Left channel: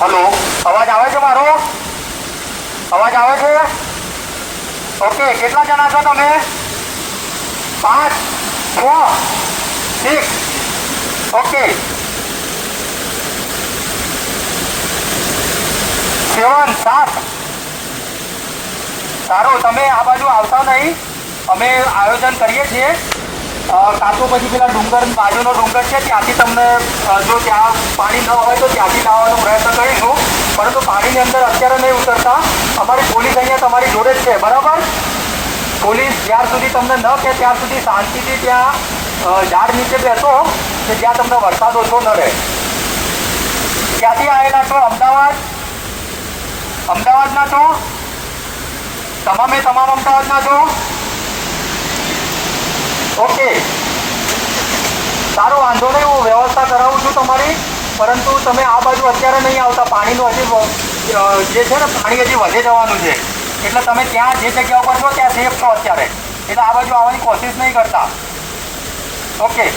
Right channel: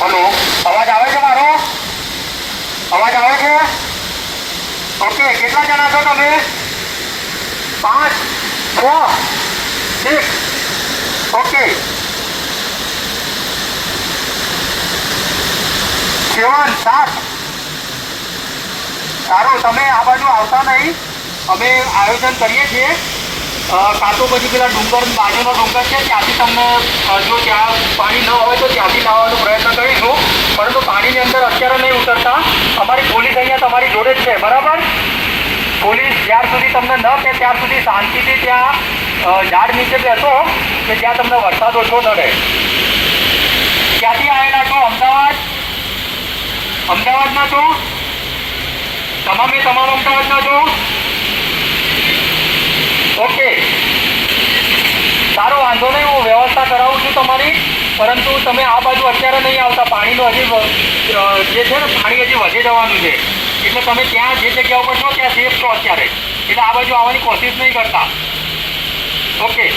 અવાજ આવે છે મારો અવાજ આવે છે ઓકે કેટલા જણા છો તમે પાંચ છ six. Okay. સેવન સાત સારું તમે આ બાજુ આવતા નહીં અમે આયોજન કરીએ છીએ કાં તો પછી પેલા ડુંગર બાજુનો ડુંગર છે ત્યાંથી તમને જો ત્યાં પાણી ન હોય તો ત્યાંથી લાવવાનો પ્રયત્ન કરીશું પરંતુ પાણીની અંદર અત્યારે નહીં ઉતરતા અમારી પોલીસ અહીંયા તમારી જોડે જ છે બરાબર પોલીસ જ્યાં સુધી તમને ન કહે ત્યાં સુધી શાંતિથી ત્યાં ઝાડ નીચે બેસો કે જ્યાં તમને વરસાદ ઓછો નડે ક્યાંથી આવેલા છો અમદાવાદ અમદાવાદના છો તમામે તમામ અમદાવાદના છો ઓકે સારું વાંધો નહીં હું વ્યવસ્થા કરાવું છું તમારી પરંતુ તમે આ બાજુ અત્યારે નહીં આવતા પાણીનું હજી જે છે ને પાણી હજી વધે જવાનું છે એટલે તમે ત્યાં જે જગ્યા ઉપર છો ત્યાં સેફ છો અત્યારે એટલે આ બાજુ આવવાની કોશિશ નહીં કરતા ഓക്കെ